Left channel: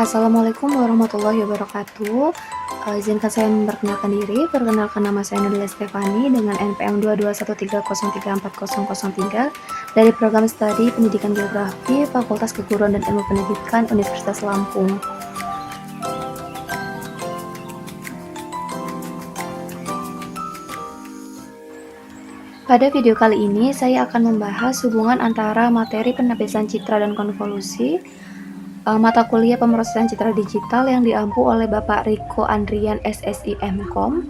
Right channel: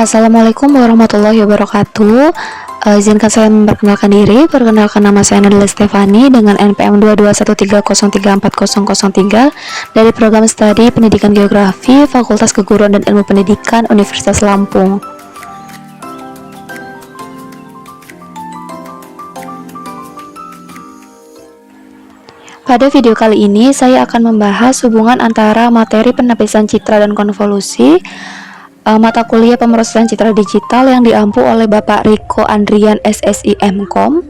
Assalamualaikum warahmatullahi wabarakatuh. Izinkan saya memperkenalkan diri. Perkenalkan, nama saya adalah Stefani dengan NPM 22130340003 dari program studi Pendidikan Geografi Fakultas Keguruan dan Ilmu Pendidikan Universitas Lampung. Pada video kali ini saya akan membahas hubungan antara materi penapisan citra dan konvolusi mata kuliah pemrosesan citra digital yang diampu oleh Bapak Riko Andrian SSI MKOM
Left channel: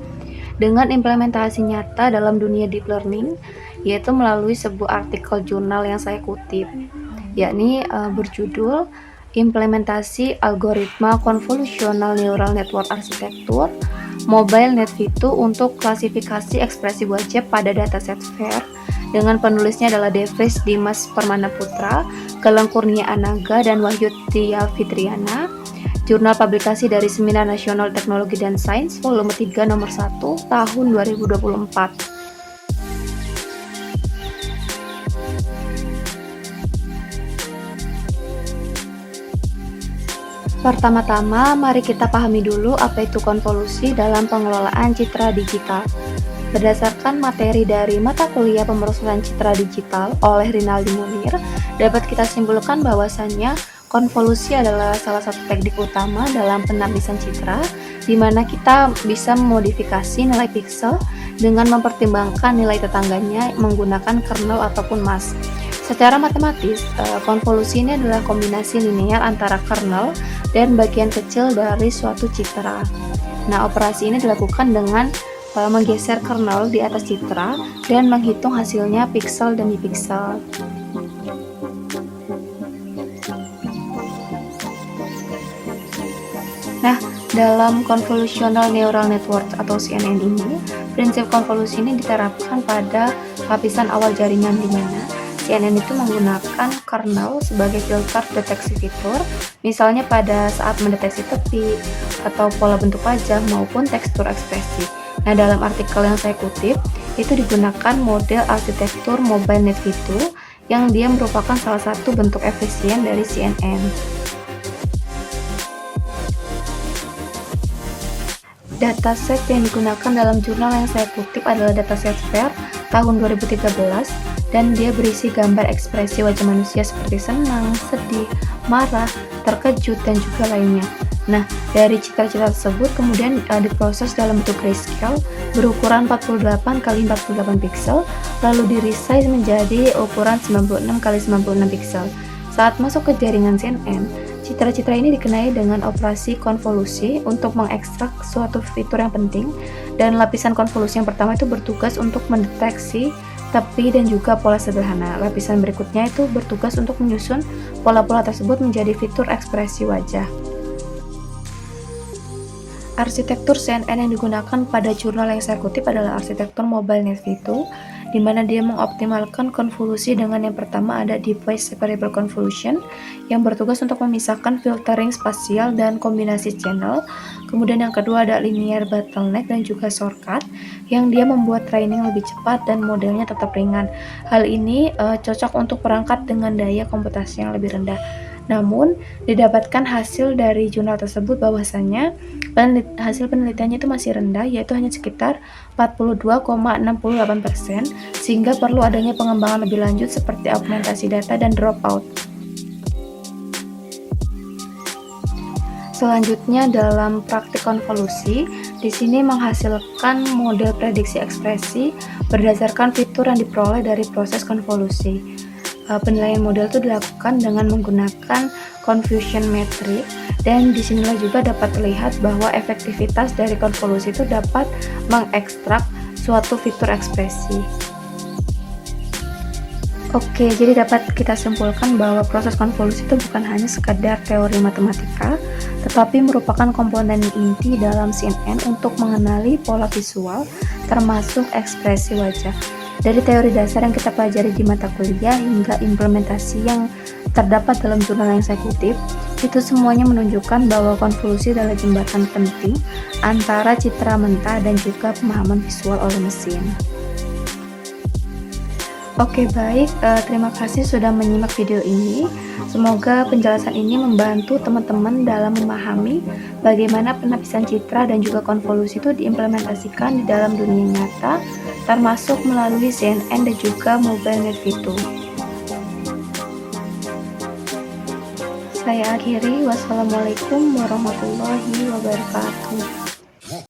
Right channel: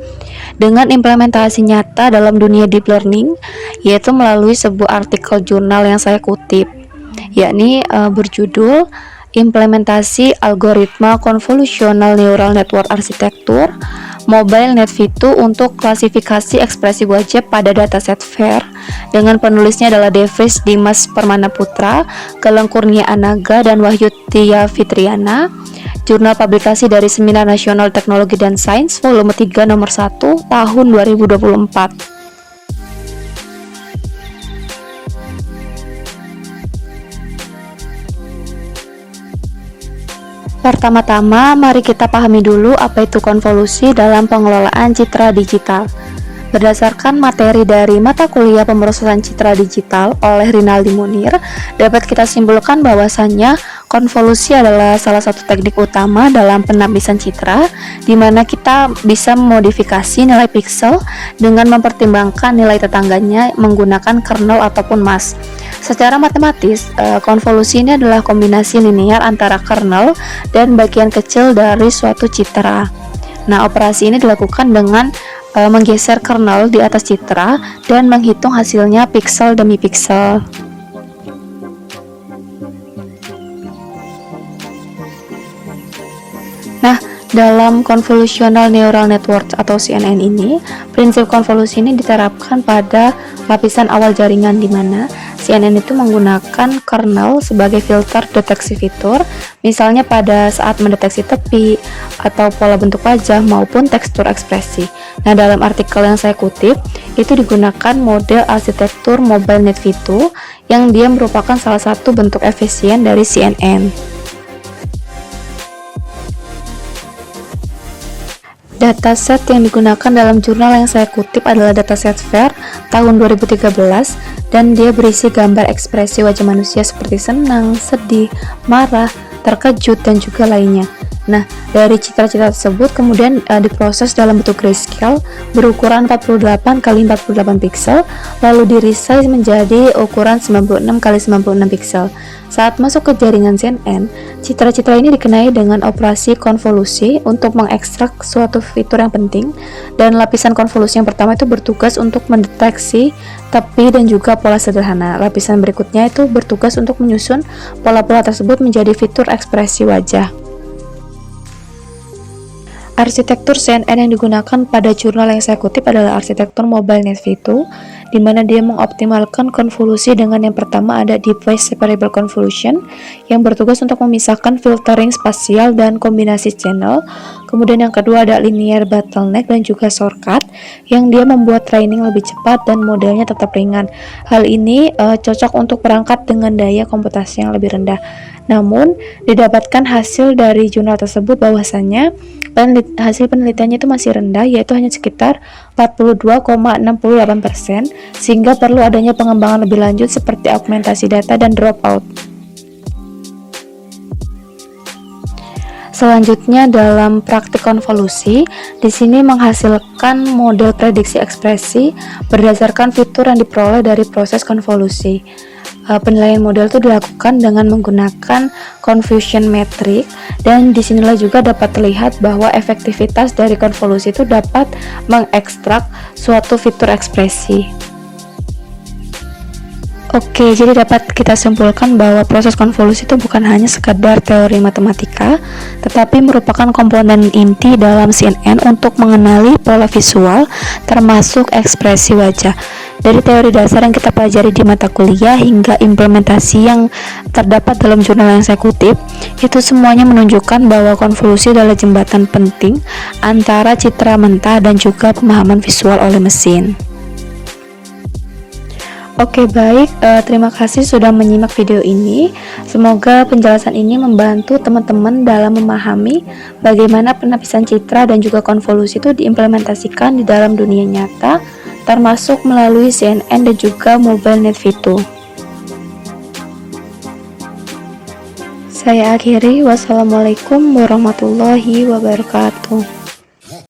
dengan implementasi nyata dalam dunia deep learning, yaitu melalui sebuah artikel jurnal yang saya kutip, yakni berjudul Implementasi Algoritma Convolutional Neural Network Architecture Mobile NetV2 untuk klasifikasi ekspresi wajah pada dataset FAIR, dengan penulisnya adalah Devris Dimas Permana Putra, Galang Kurnia Anaga, dan Wahyu Tia Fitriana. Jurnal publikasi dari Seminar Nasional Teknologi dan Sains volume 3 nomor 1 tahun 2024. Pertama-tama, mari kita pahami dulu apa itu konvolusi dalam pengelolaan citra digital. Berdasarkan materi dari mata kuliah pemrosesan citra digital oleh Rinaldi Munir, dapat kita simpulkan bahwasannya konvolusi adalah salah satu teknik utama dalam penapisan citra, di mana kita bisa memodifikasi nilai piksel dengan mempertimbangkan nilai tetangganya menggunakan kernel ataupun mask. Secara matematis, konvolusi ini adalah kombinasi linear antara kernel dan bagian kecil dari suatu citra. Nah, operasi ini dilakukan dengan menggeser kernel di atas citra dan menghitung hasilnya piksel demi piksel. Nah, dalam Convolutional Neural Network atau CNN ini, prinsip konvolusi ini diterapkan pada lapisan awal jaringan, di mana CNN itu menggunakan kernel sebagai filter deteksi fitur, misalnya pada saat mendeteksi tepi atau pola bentuk wajah maupun tekstur ekspresi. Nah, dalam artikel yang saya kutip, itu digunakan model arsitektur Mobile NetV2 yang dia merupakan salah satu bentuk efisien dari CNN. Dataset yang digunakan dalam jurnal yang saya kutip adalah dataset FAIR tahun 2013, dan dia berisi gambar ekspresi wajah manusia seperti senang, sedih, marah, terkejut, dan juga lainnya. Nah, dari citra-citra tersebut kemudian diproses dalam bentuk grayscale berukuran 48 x 48 piksel, lalu di-resize menjadi ukuran 96 x 96 piksel. Saat masuk ke jaringan CNN, citra-citra ini dikenai dengan operasi konvolusi untuk mengekstrak suatu fitur yang penting, dan lapisan konvolusi yang pertama itu bertugas untuk mendeteksi tepi dan juga pola sederhana. Lapisan berikutnya itu bertugas untuk menyusun pola-pola tersebut menjadi fitur ekspresi wajah. Arsitektur CNN yang digunakan pada jurnal yang saya kutip adalah arsitektur Mobile NetV2, di mana dia mengoptimalkan konvolusi dengan yang pertama ada Device Separable Convolution yang bertugas untuk memisahkan filtering spasial dan kombinasi channel. Kemudian yang kedua ada Linear Bottleneck dan juga Shortcut yang dia membuat training lebih cepat dan modelnya tetap ringan. Hal ini cocok untuk perangkat dengan daya komputasi yang lebih rendah. Namun, didapatkan hasil dari jurnal tersebut bahwasannya hasil penelitiannya itu masih rendah, yaitu hanya sekitar 42,68%, sehingga perlu adanya pengembangan lebih lanjut seperti augmentasi data dan dropout. Selanjutnya, dalam praktik konvolusi, di sini menghasilkan model prediksi ekspresi berdasarkan fitur yang diperoleh dari proses konvolusi. Penilaian model itu dilakukan dengan menggunakan confusion metric, dan disinilah juga dapat terlihat bahwa efektivitas dari konvolusi itu dapat mengekstrak suatu fitur ekspresi. Oke, jadi dapat kita simpulkan bahwa proses konvolusi itu bukan hanya sekadar teori matematika, tetapi merupakan komponen inti dalam CNN untuk mengenali pola visual termasuk ekspresi wajah. Dari teori dasar yang kita pelajari di mata kuliah hingga implementasi yang terdapat dalam jurnal yang saya kutip, itu semuanya menunjukkan bahwa konvolusi adalah jembatan penting antara citra mentah dan juga pemahaman visual oleh mesin. Oke, baik. Terima kasih sudah menyimak video ini. Semoga penjelasan ini membantu teman-teman dalam memahami bagaimana penapisan citra dan juga konvolusi itu diimplementasikan di dalam dunia nyata, termasuk melalui CNN dan juga mobile net Vito. Saya akhiri, wassalamualaikum warahmatullahi wabarakatuh.